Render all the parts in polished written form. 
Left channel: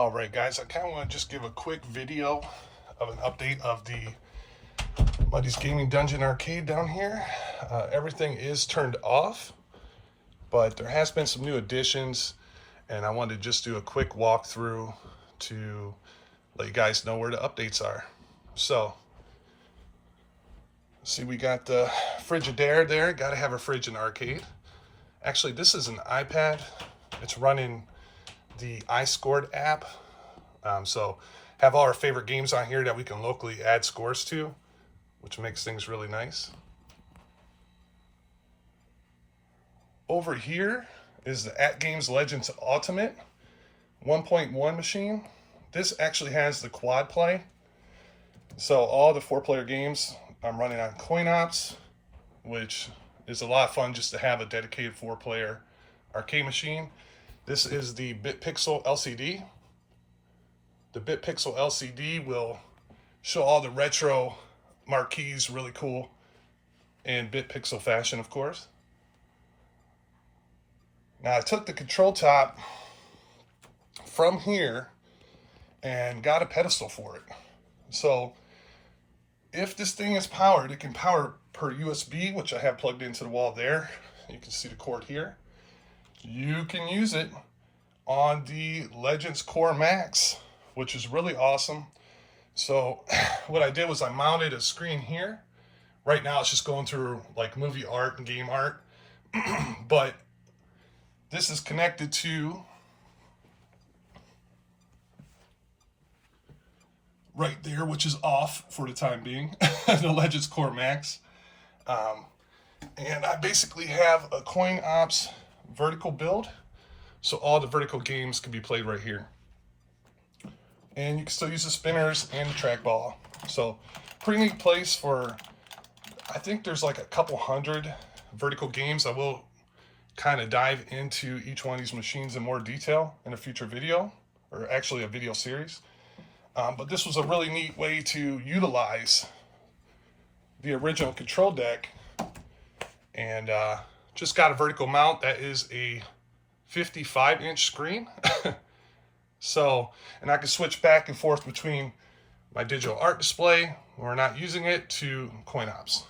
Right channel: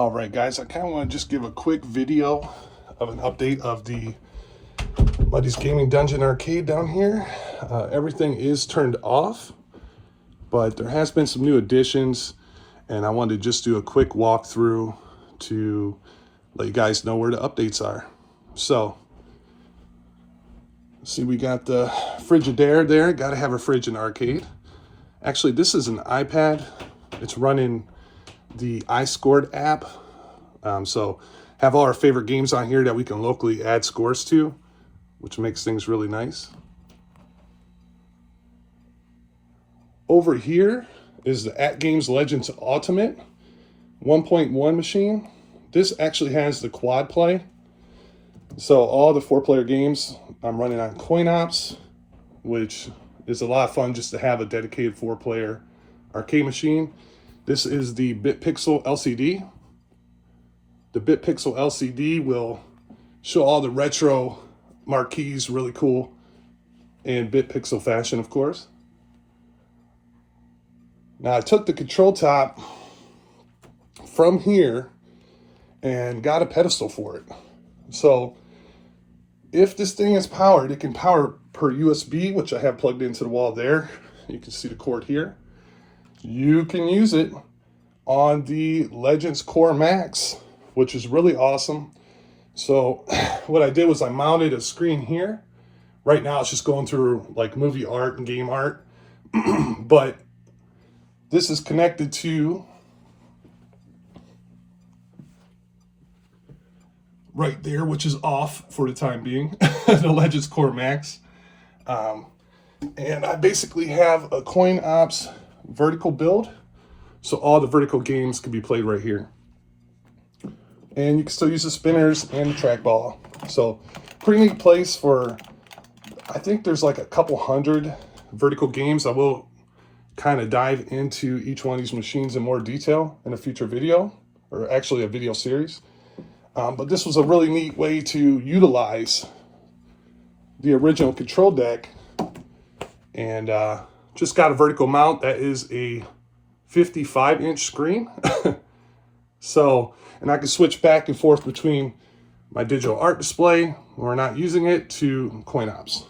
All right, guys, I kind of want to just give a quick video of an update of the Muddy's Gaming Dungeon Arcade down here. Everything is turned off, but there has been some new additions, and I wanted to just do a quick walkthrough to let you guys know where the updates are. So, see, we got the Frigidaire there. Got to have a fridge in arcade. Actually, this is an iPad. It's running the iScored app. So have all our favorite games on here that we can locally add scores to, which makes things really nice. Over here is the At Games Legends Ultimate 1.1 machine. This actually has the quad play. So all the 4-player games I'm running on CoinOps, which is a lot of fun just to have a dedicated 4-player arcade machine. This is the BitPixel LCD. The BitPixel LCD will show all the retro marquees really cool in BitPixel fashion, of course. Now I took the control top from here and got a pedestal for it. So if this thing is powered, it can power per USB, which I have plugged into the wall there. You can see the cord here. You can use it on the Legends Core Max, which is really awesome. So what I did was I mounted a screen here. Right now it's just going through like movie art and game art. But this is connected to right there, which is off for the time being, the Legends Core Max. And I basically have a CoinOps vertical build, so all the vertical games can be played right here. And you can still use the spinners and the trackball. So pretty neat place for, I think there's like a couple hundred vertical games. I will kind of dive into each one of these machines in more detail in a future video, or actually a video series. But this was a really neat way to utilize the original control deck, and just got a vertical mount that is a 55-inch screen. So, and I can switch back and forth between my digital art display when we're not using it to CoinOps.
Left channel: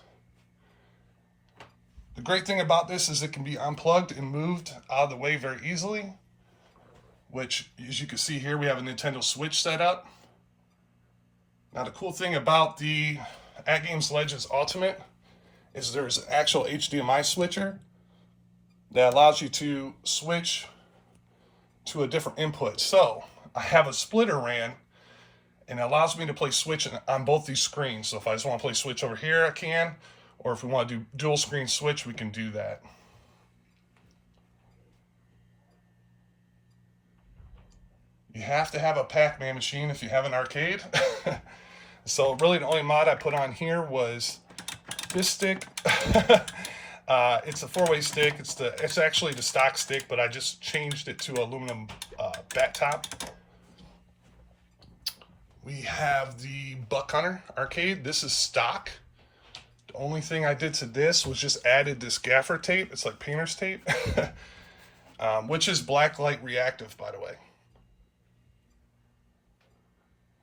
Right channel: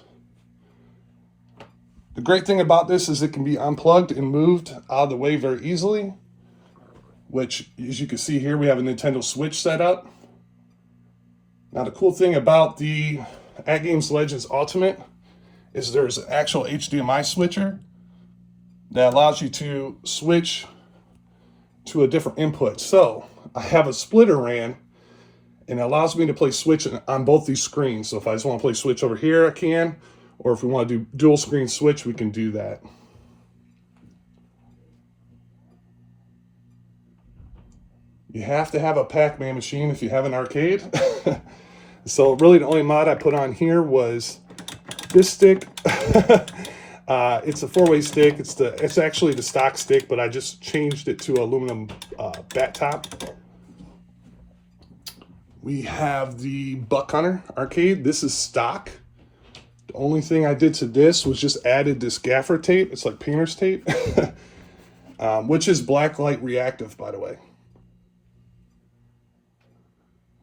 The great thing about this is it can be unplugged and moved out of the way very easily, which, as you can see here, we have a Nintendo Switch set up. Now, the cool thing about the At Games Legends Ultimate is there's an actual HDMI switcher that allows you to switch to a different input. So I have a splitter ran, and it allows me to play Switch on both these screens. So if I just want to play Switch over here, I can, or if we want to do dual screen Switch, we can do that. You have to have a Pac-Man machine if you have an arcade. So really the only mod I put on here was this stick. It's a 4-way stick. It's actually the stock stick, but I just changed it to aluminum bat top. We have the Buck Hunter arcade. This is stock. The only thing I did to this was just added this gaffer tape. It's like painter's tape, which is blacklight reactive, by the way.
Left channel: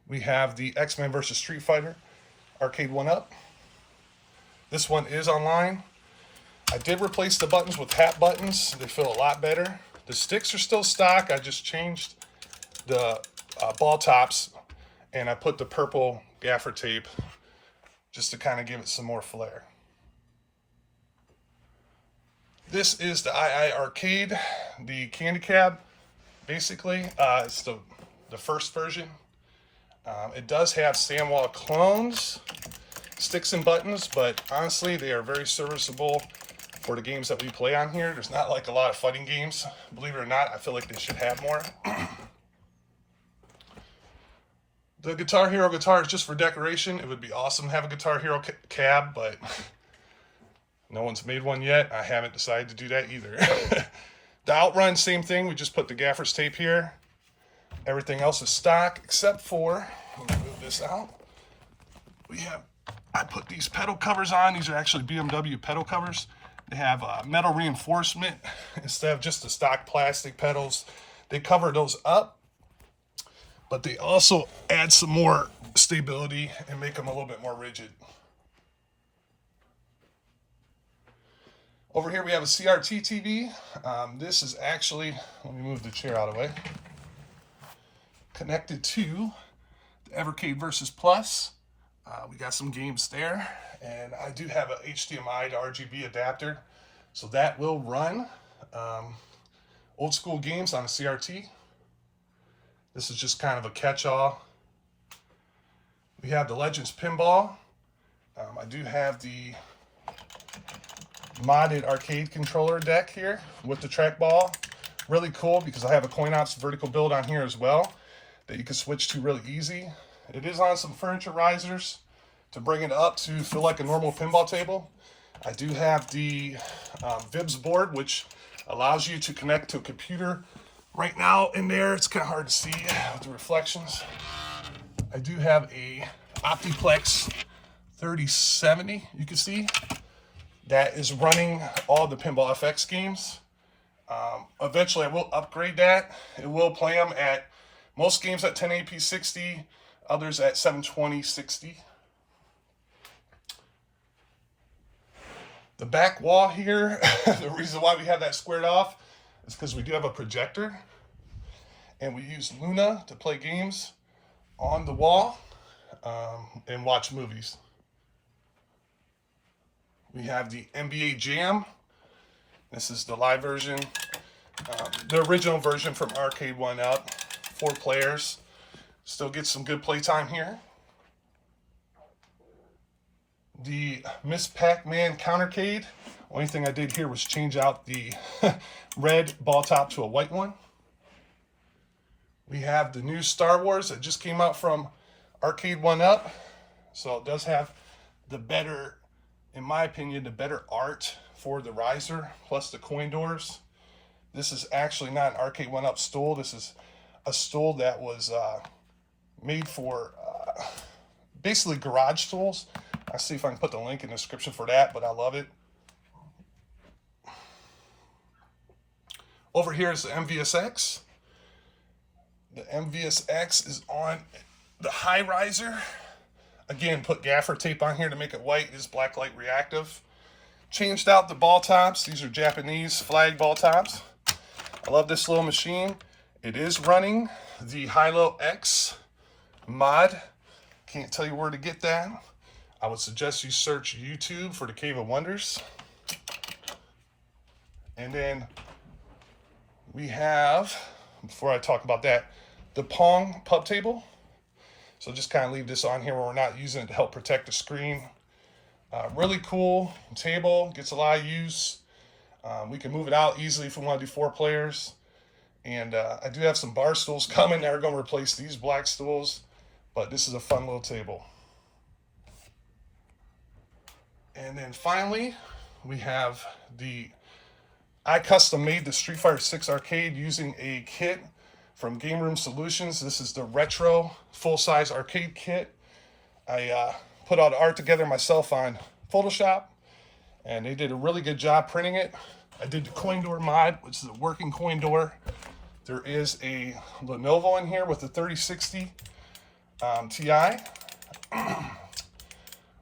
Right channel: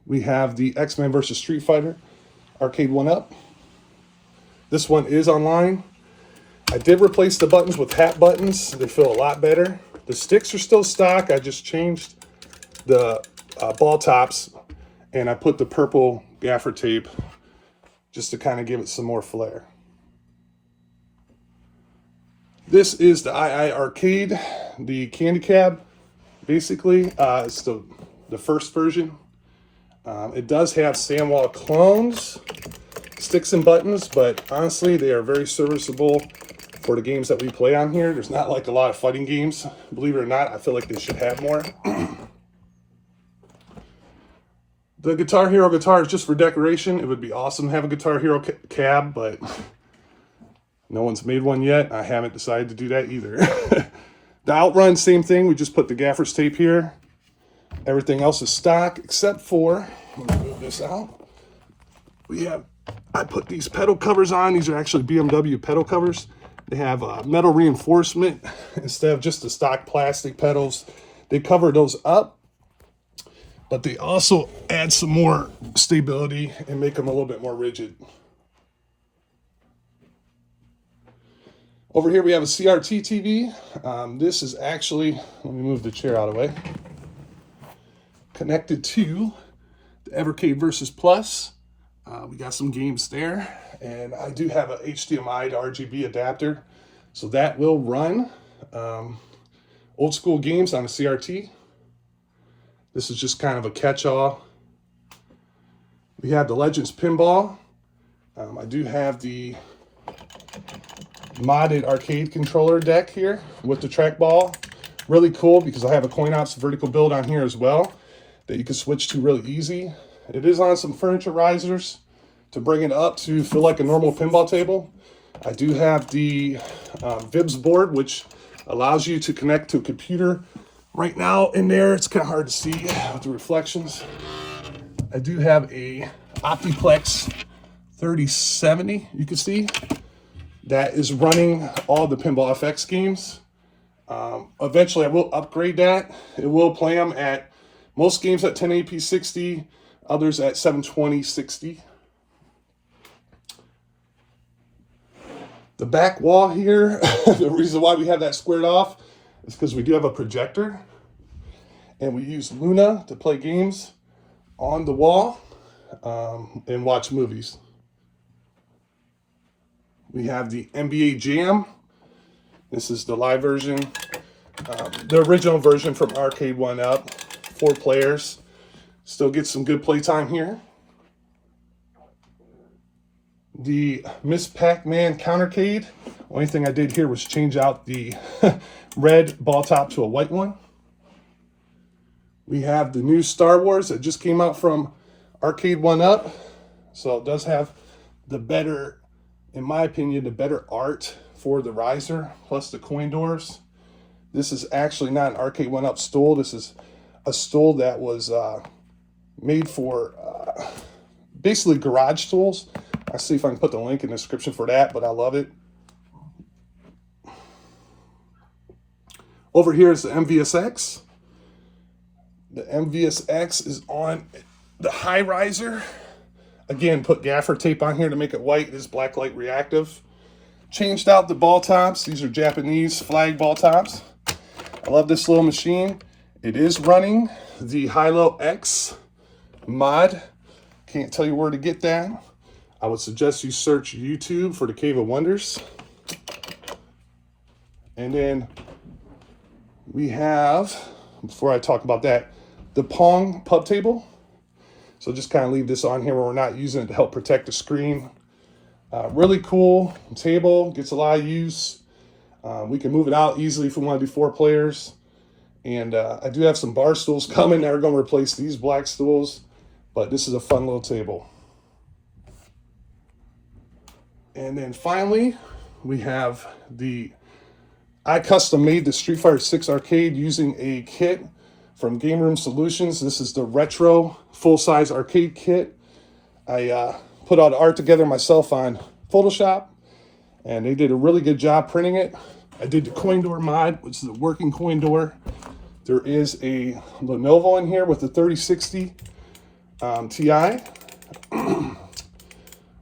We have the X-Men vs. Street Fighter arcade 1-up. This one is online. I did replace the buttons with hat buttons. They feel a lot better. The sticks are still stock. I just changed the ball tops, and I put the purple gaffer tape just to kind of give it some more flair. This is the II Arcade, the candy cab. Basically, it's the first version. It does have Sandwall clones, sticks and buttons, but honestly, they are very serviceable for the games that we play on here. There's not like a lot of fighting games. Believe it or not, I feel like they should have more. The Guitar Hero guitar is just for decoration. It would be awesome to have a Guitar Hero cab, but no one's made one yet. I haven't decided to do that either. The Outrun, same thing. We just put the gaffer's tape here. Everything else is stock, except for, let me move this out. I put these pedal covers on. These are actually BMW pedal covers. They have metal reinforcement instead of just the stock plastic pedals. They cover those up, but they also add some more stability and make them a little bit more rigid. Over here we have a CRT TV. This is actually, let me move the chair out of the way, connected to the Evercade Versus Plus. We got some games there, and I do have an HDMI to RGB adapter, so that will run old school games on a CRT. This is just kind of a catch-all. We have the Legends Pinball. I do have the modded arcade controller deck here with the trackball. Really cool because I have a coin ops vertical build on here as well that you can switch to really easy. It is on some furniture risers to bring it up to feel like a normal pinball table. I do have the Vibs board, which allows you to connect to a computer. Right now in there, it's kind of hard to see with the reflections. I do have a Optiplex 3070, you can see, that is running all the Pinball FX games. Eventually I will upgrade that. It will play them at most games at 1080p 60, others at 720 60. The back wall here, the reason why we have that squared off is because we do have a projector, and we use Luna to play games on the wall and watch movies. We have the NBA Jam. This is the live version. The original version from Arcade 1 Up. 4 players. Still get some good playtime here. The Miss Pac-Man Countercade. Only thing I did here was change out the red ball top to a white one. We have the new Star Wars that just came out from Arcade 1 Up. So it does have the better, in my opinion, the better art for the riser, plus the coin doors. This is actually not an Arcade 1 Up stool. This is a stool that was made for basically garage stools. I'll see if I can put the link in the description for that, but I love it. Over here is the MVSX. The MVSX is on the high riser. Again, put gaffer tape on here to make it white. It is blacklight reactive. Changed out the ball tops. These are Japanese flag ball tops. I love this little machine. It is running the Hilo X mod. Can't tell you where to get that. I would suggest you search YouTube for the Cave of Wonders. And then we have, before I talk about that, the Pong pub table. So just kind of leave this on here where we're not using it to help protect the screen. Really cool table, gets a lot of use. We can move it out easily if we want to do 4 players. And I do have some bar stools coming that are going to replace these black stools, but this is a fun little table. And then finally, we have I custom made the Street Fighter 6 arcade using a kit from Game Room Solutions. This is the retro full-size arcade kit. I put all the art together myself on Photoshop, and they did a really good job printing it. I did the coin door mod, which is a working coin door. There is a Lenovo in here with the 3060 Ti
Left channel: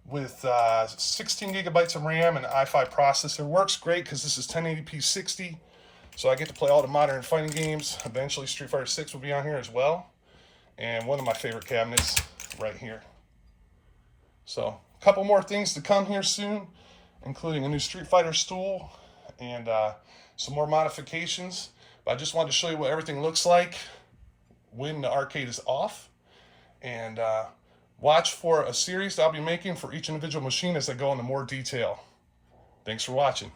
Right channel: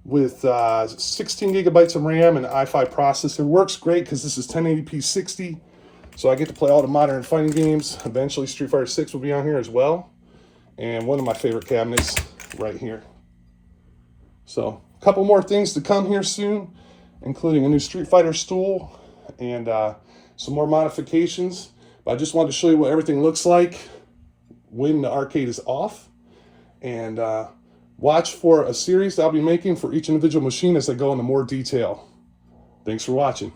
with 16 gigabytes of RAM and an i5 processor. Works great because this is 1080p 60, so I get to play all the modern fighting games. Eventually Street Fighter 6 will be on here as well, and one of my favorite cabinets right here. So a couple more things to come here soon, including a new Street Fighter stool and some more modifications. But I just wanted to show you what everything looks like when the arcade is off, and watch for a series that I'll be making for each individual machine as I go into more detail. Thanks for watching.